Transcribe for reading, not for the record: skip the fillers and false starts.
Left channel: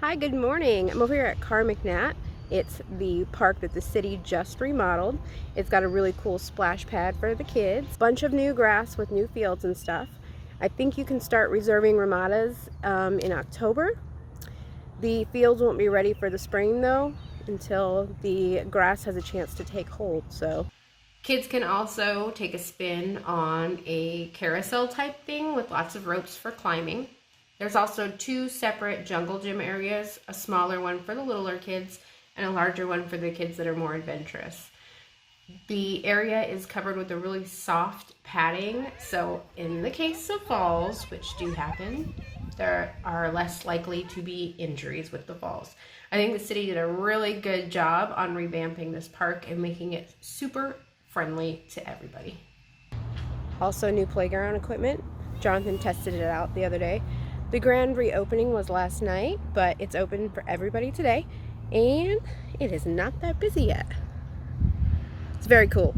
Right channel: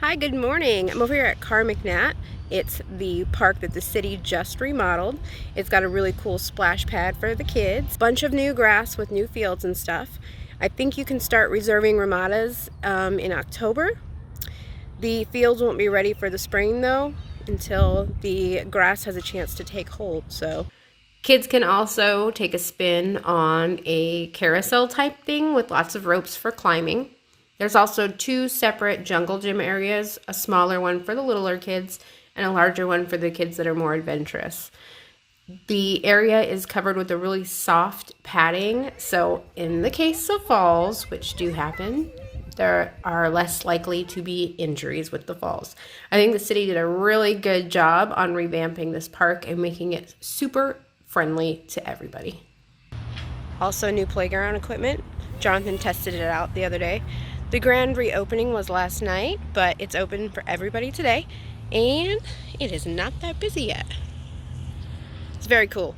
Hi, good morning. I'm over here at Carr McNatt. It's the park that the city just remodeled. It's got a really cool splash pad for the kids. Bunch of new grass with new fields and stuff. I think you can start reserving ramadas in October. The fields won't be ready for the spring though until the grass has a chance to take hold. So kids can also take a spin on a carousel type thing with lots of ropes for climbing. There's also two separate jungle gym areas, a smaller one for the littler kids and a larger one for the kids that are more adventurous. The area is covered with a really soft padding, so in the case of falls, which do happen, there are less likely to be injuries with the falls. I think the city did a really good job on revamping this park and making it super friendly to everybody. Also, new playground equipment. Jonathan tested it out the other day. The grand reopening was last night, but it's open for everybody today, and it is not that busy yet. It's very cool.